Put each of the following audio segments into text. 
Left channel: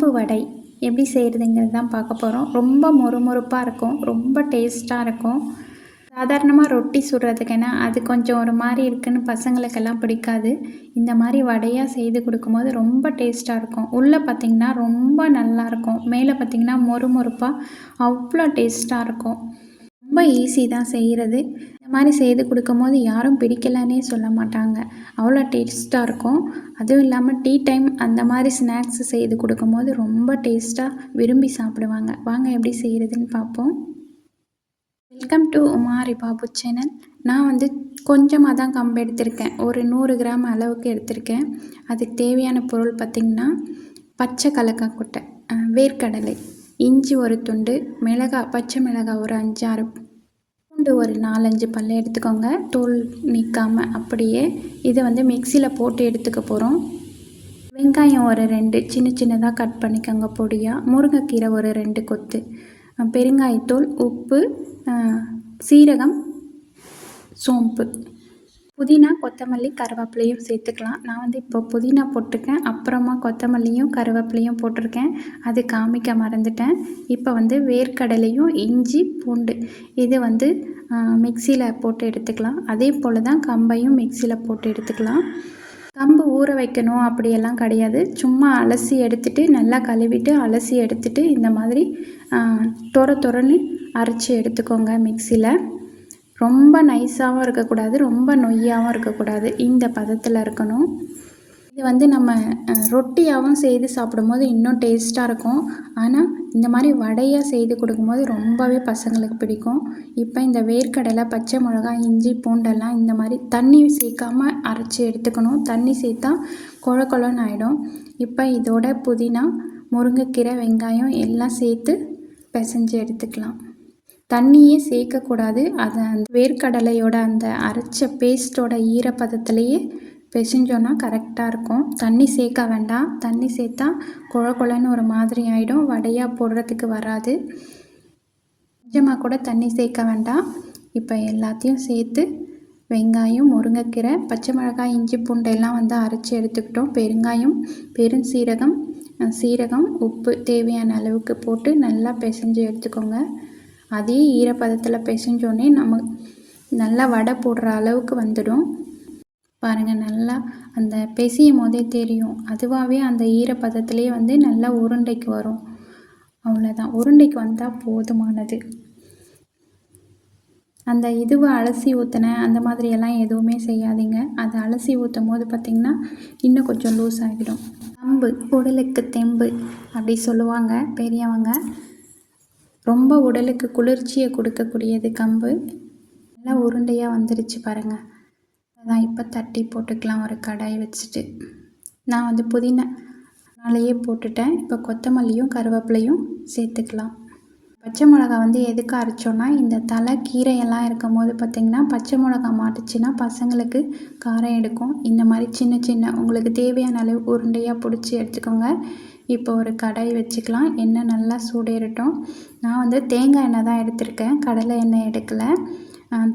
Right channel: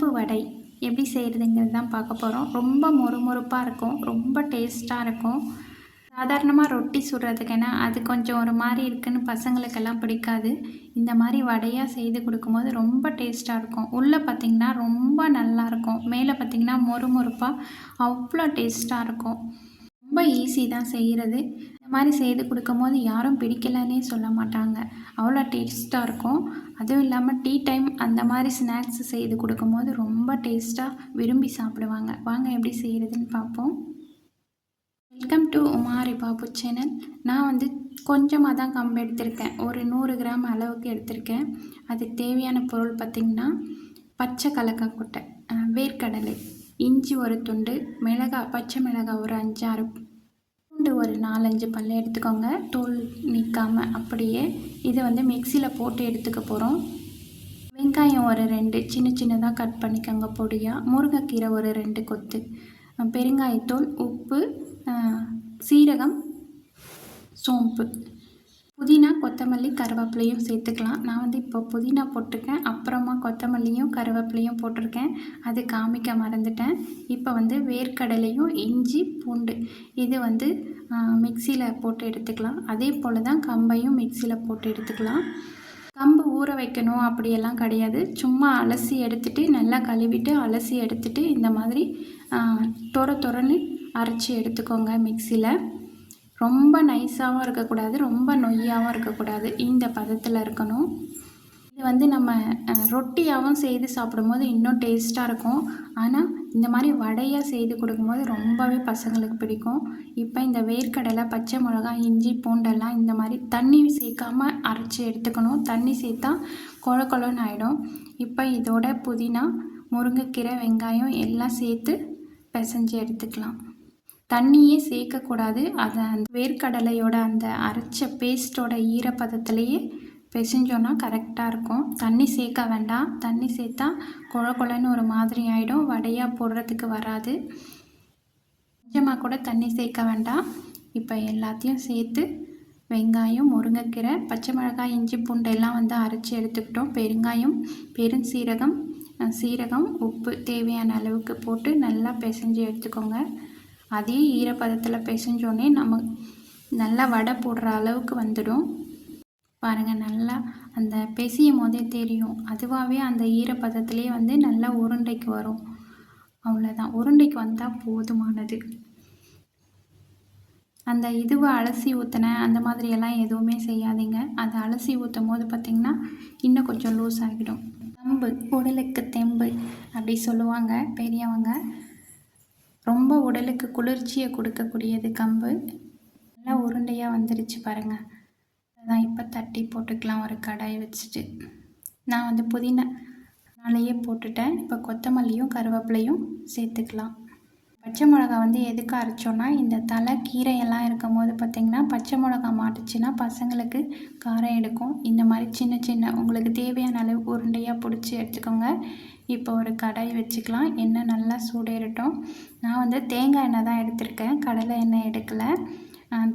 கம்பு வடை எப்படி செய்கிறதுங்கிறது தான் பார்க்க போகிறோம். ரொம்ப மொறுமொறுப்பாக இருக்கும், ரொம்ப டேஸ்ட்டாக இருக்கும். சாதாரணமாக ரொட்டி சுடுறதுக்குன்னா அது கொஞ்சம் ஒரு மாதிரி இருக்குன்னு பசங்களுக்கெல்லாம் பிடிக்காது. இந்த மாதிரி வடையாக செய்து கொடுக்கும்போது ரொம்ப டேஸ்ட்டாக இருக்கும். உள்ளே பார்த்திங்கன்னா ரொம்ப நல்லாயிருக்கும், மேலே பார்த்திங்கன்னா மொறுமொறுப்பாக அவ்வளோ டேஸ்ட்டாக இருக்கும். ரொம்ப ஈஸி தான் செய்கிறது. இந்த மாதிரி செய்து கொடுக்கும்போது யாரும் பிடிக்கலன்னே சொல்ல மாட்டாங்க, அவ்வளோ டேஸ்ட்டாக இருக்கும். அதுவும் இல்லாமல் டீ டைம் அந்த மாதிரி ஸ்நாக்ஸ் செய்து கொடுக்கும்போது ரொம்ப டேஸ்ட்டாக விரும்பி சாப்பிடுவாங்க. வாங்க எப்படி செய்கிறதுன்னு பார்ப்போம். Welcome to உமாரி Babu channel. நான் கொஞ்சமாக தான் கம்பு எடுத்திருக்கேன், ஒரு 100 கிராம் அளவுக்கு எடுத்திருக்கேன். அதுக்கு தேவையான பொருள் பார்த்திங்கன்னா பச்சை கடலக்காய் கொட்டை, வேர்க்கடலை, இஞ்சி ஒரு துண்டு, மிளகாய், பச்சை மிளகாய் ஒரு 5-6, பூண்டு ஒரு 4-5 பல் எடுத்துக்கோங்க, தோல் நீக்காமல் அப்படியே. இதை மிக்சியில் போட்டு எடுத்துக்க போகிறோம். வெங்காயம் ஒரு 2 சின்ன சின்னதாக கட் பண்ணிக்கோங்க பொடியாக. முருங்கைக்கீரை ஒரு 2 கொத்து, பெருங்காயத்தூள், உப்பு, சீரகம், சோம்பு, புதினா, கொத்தமல்லி, கருவேப்பிலையும் சேர்த்துக்கலாம். நான் இப்போ புதினா போட்டிருக்கேன், அப்புறமா கொத்தமல்லியும் கருவேப்பிலையும் போட்டிருக்கேன், அது காமிக்க மறந்துட்டேன். இப்போ வேர்க்கடலையும் இஞ்சி பூண்டு இது மிக்சியில் போட்டு எடுத்துக்கலாம். அதே போல் தான் கம்பையும் மிக்சியில் போட்டு எடுத்துக்கலாம். கம்பு ஊற வைக்கணும் அப்படியெல்லாம் கிடையாது, சும்மா அலசி எடுத்துகிட்டு நல்லா கழுவிட்டு அலசி எடுத்துகிட்டு இந்த மாதிரி தொரன்னு அரைச்சி எடுத்துக்கோங்க மிக்சியில். ரொம்ப நைஸாகவும் இருக்கக்கூடாது, ரொம்ப நொய்யாகவும் இருக்கக்கூடாது, இந்த பதத்தில் இருக்கணும். இது நம்ம ரொட்டியாகவும் செய்து சாப்பிடும்போது இன்னும் டேஸ்ட்டாக இருக்கும். ஆனால் இந்த மாதிரி வடையாக செய்து கொடுக்கும்போது ரொம்பவே பசங்களுக்கு பிடிக்கும். இப்போ இந்த வேர்க்கடலை, பச்சை மிளகாய், இஞ்சி பூண்டெல்லாம் இந்த மாதிரி தண்ணி சேர்க்காமல் அரைச்சி எடுத்துக்கணும். தண்ணி சேர்த்தா கொழ கொழன்னு ஆகிடும். இப்போ இதோட புதினா, முருங்கைக்கீரை, வெங்காயம் எல்லாம் சேர்த்து பிசைஞ்சு எடுத்துக்கலாம். தண்ணியே சேர்க்கக்கூடாது, அதை அந்த வேர்க்கடலையோட அந்த அரைச்ச பேஸ்ட்டோட ஈரப்பதத்துலேயே பிசைஞ்சோன்னா கரெக்டாக இருக்கும். தண்ணி சேர்க்க வேண்டாம், தண்ணி சேர்த்தா கொழ கொழன்னு ஒரு மாதிரி ஆகிடும், வடையாக போடுறதுக்கு வராது. கொஞ்சமாக கூட தண்ணி சேர்க்க வேண்டாம். இப்போ எல்லாத்தையும் சேர்த்து வெங்காயம், முருங்கைக்கீரை, பச்சை மிளகாய், இஞ்சி பூண்டெல்லாம் அரைச்சி எடுத்துக்கிட்டோம். பெருங்காயம், பெருஞ்சீரகம், சீரகம், உப்பு தேவையான அளவுக்கு போட்டு நல்லா பிசைஞ்சு எடுத்துக்கோங்க. அதே ஈரப்பதத்தில் பிசைஞ்சோடனே நம்ம நல்லா வடை போடுற அளவுக்கு வந்துடும். பாருங்கள், நல்லா அந்த பிசையும் போதே தெரியும், அதுவாகவே அந்த ஈரப்பதத்துலேயே நல்லா உருண்டைக்கு வரும். அவ்வளோதான், உருண்டைக்கு வந்தால் போதுமானது. அந்த இதுவை அலசி ஊற்றினேன் அந்த மாதிரியெல்லாம் எதுவுமே செய்யாதீங்க. அதை அலசி ஊற்றும் போது பார்த்திங்கன்னா இன்னும் கொஞ்சம் லூஸ் ஆகிடும். கம்பு உடலுக்கு தெம்பு அப்படி சொல்லுவாங்க பெரியவங்க. ரொம்ப உடலுக்கு குளிர்ச்சியை கொடுக்கக்கூடியது கம்பு. நல்லா உருண்டையாக வந்துருச்சு பாருங்கள். அதான் இப்போ தட்டி போட்டுக்கலாம் ஒரு கடாயை வச்சுட்டு. நான் புதினாலேயே போட்டுட்டேன். இப்போ கொத்தமல்லியும் கருவேப்பிலையும் சேர்த்துக்கலாம். பச்சை மிளகா எதுக்கு அரைச்சோன்னா, இந்த தலை கீரையெல்லாம் இருக்கும் போது பார்த்திங்கன்னா பச்சை மிளகா மாட்டுச்சுன்னா பசங்களுக்கு காரம் எடுக்கும். இந்த மாதிரி சின்ன சின்ன உங்களுக்கு தேவையான அளவுக்கு உருண்டையாக பிடிச்சி எடுத்துக்கோங்க. இப்போ ஒரு கடாய் வச்சுக்கலாம். எண்ணெய் நல்லா சூடேறட்டும். நான் தேங்காய் எண்ணெய் தான் எடுத்திருக்கேன், கடலை எண்ணெய் எடுக்கலை.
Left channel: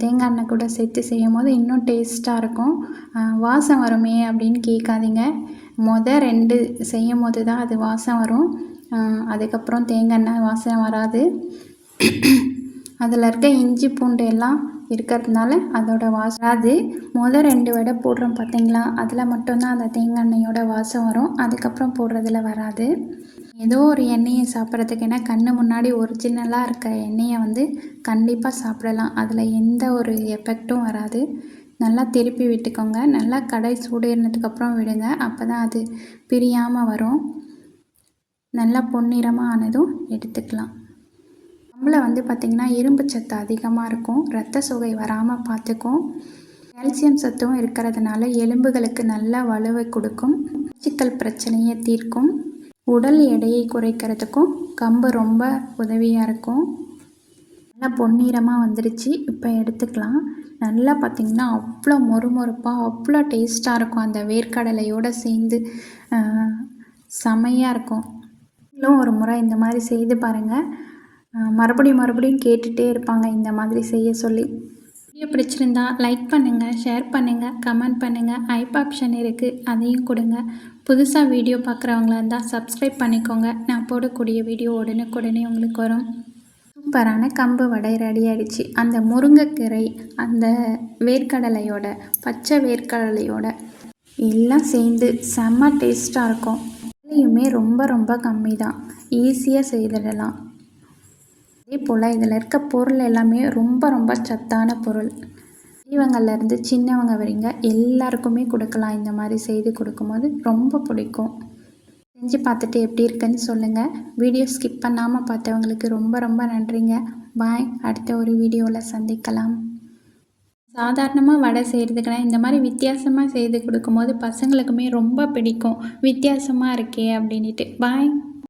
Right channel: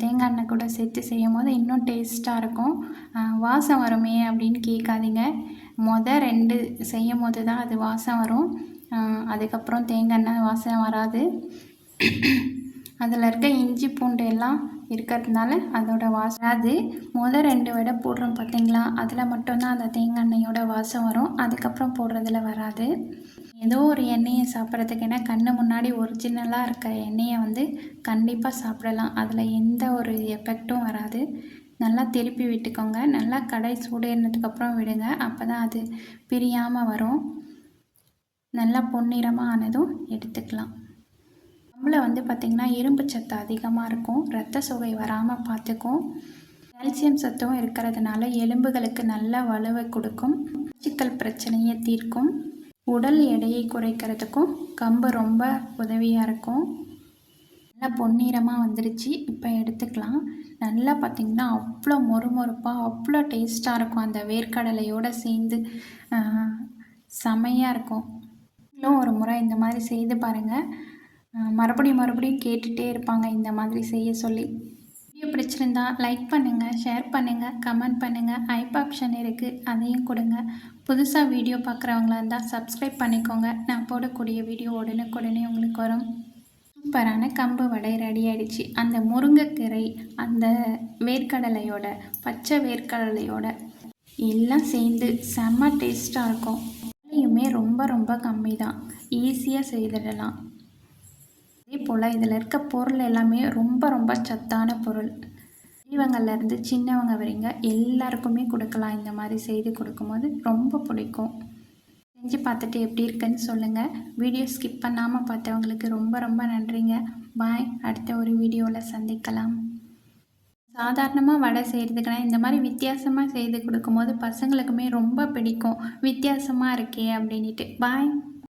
தேங்காய் எண்ணெய் கூட சேர்த்து செய்யும் போது இன்னும் டேஸ்ட்டாக இருக்கும். வாசம் வருமே அப்படின்னு கேட்காதீங்க, 2 செய்யும் போது தான் அது வாசம் வரும். அதுக்கப்புறம் தேங்காய் எண்ணெய் வாசனை வராது. அதில் இருக்க இஞ்சி பூண்டு எல்லாம் இருக்கிறதுனால அதோட வாசம் அது 2 வடை போடுறோம் பார்த்திங்களா, அதில் மட்டும்தான் அந்த தேங்காய் எண்ணெயோட வாசம் வரும், அதுக்கப்புறம் போடுறதுல வராது. ஏதோ ஒரு எண்ணெயை சாப்பிட்றதுக்கு, ஏன்னா கண்ணு முன்னாடி ஒரிஜினலாக இருக்க எண்ணெயை கண்டிப்பாக சாப்பிடலாம், அதில் எந்த ஒரு எஃபெக்டும் வராது. நல்லா திருப்பி விட்டுக்கோங்க. நல்லா கடாய் சூடேறினதுக்கப்புறம் விடுங்க, அப்போ தான் அது பிரியாமல் வரும். நல்லா பொன்னிறமாக ஆனதும் எடுத்துக்கலாம். கம்பில் பார்த்திங்கன்னா இரும்பு சத்து அதிகமாக இருக்கும், இரத்த சோகை வராமல் பார்த்துக்கும். கால்சியம் சத்தும் இருக்கிறதுனால எலும்புகளுக்கு நல்லா வலுவை கொடுக்கும், மலச்சிக்கல் பிரச்சனையை தீர்க்கும், உடல் எடையை குறைக்கிறதுக்கும் கம்பு ரொம்ப உதவியாக இருக்கும். நல்லா பொன்னிறமாக வந்துருச்சு, இப்போ எடுத்துக்கலாம். நல்லா பார்த்திங்கன்னா அவ்வளோ மொறுமொறுப்பாக அவ்வளோ டேஸ்ட்டாக இருக்கும், அந்த வேர்க்கடலையோடு சேர்ந்து செமையாக இருக்கும். இன்னும் ஒரு முறை இந்த மாதிரி செய்து பாருங்கள், மறுபடியும் கேட்டுகிட்டே இருப்பாங்க இந்த மாதிரி செய்ய சொல்லி. வீடியோ பிடிச்சிருந்தா லைக் பண்ணுங்கள், ஷேர் பண்ணுங்கள், கமெண்ட் பண்ணுங்கள். ஐப் ஆப்ஷன் இருக்குது, அதையும் கொடுங்க. புதுசாக வீடியோ பார்க்குறவங்களா இருந்தால் சப்ஸ்கிரைப் பண்ணிக்கோங்க. நான் போடக்கூடிய வீடியோ உடனுக்குடனே உங்களுக்கு வரும். சூப்பரான கம்பு வடை ரெடி ஆகிடுச்சு. அந்த முருங்கைக்கீரை, அந்த வேர்க்கடலையோட, பச்சை வேர்க்கடலையோட எல்லாம் சேர்ந்து செம்ம டேஸ்ட்டாக இருக்கும். விலையுமே ரொம்ப ரொம்ப கம்மி தான். ஈஸியாக செய்திடலாம். அதே போல் இதில் இருக்க பொருள் எல்லாமே ரொம்ப ரொம்ப சத்தான பொருள். பெரியவங்கள்லேருந்து சின்னவங்க வரைங்க எல்லாருக்குமே கொடுக்கலாம். இந்த மாதிரி செய்து கொடுக்கும்போது ரொம்ப பிடிக்கும். செஞ்சு பார்த்துட்டு எப்படி இருக்குன்னு சொல்லுங்கள். வீடியோ ஸ்கிப் பண்ணாமல் பார்த்தவங்களுக்கு ரொம்ப ரொம்ப நன்றிங்க. பாய். அடுத்த ஒரு வீடியோவில் சந்திக்கலாம். சாதாரணமாக வடை செய்கிறதுக்குனா இந்த மாதிரி வித்தியாசமாக செய்து கொடுக்கும்போது பசங்களுக்குமே ரொம்ப பிடிக்கும். வித்தியாசமாக இருக்கே அப்படின்ட்டு. பாய்.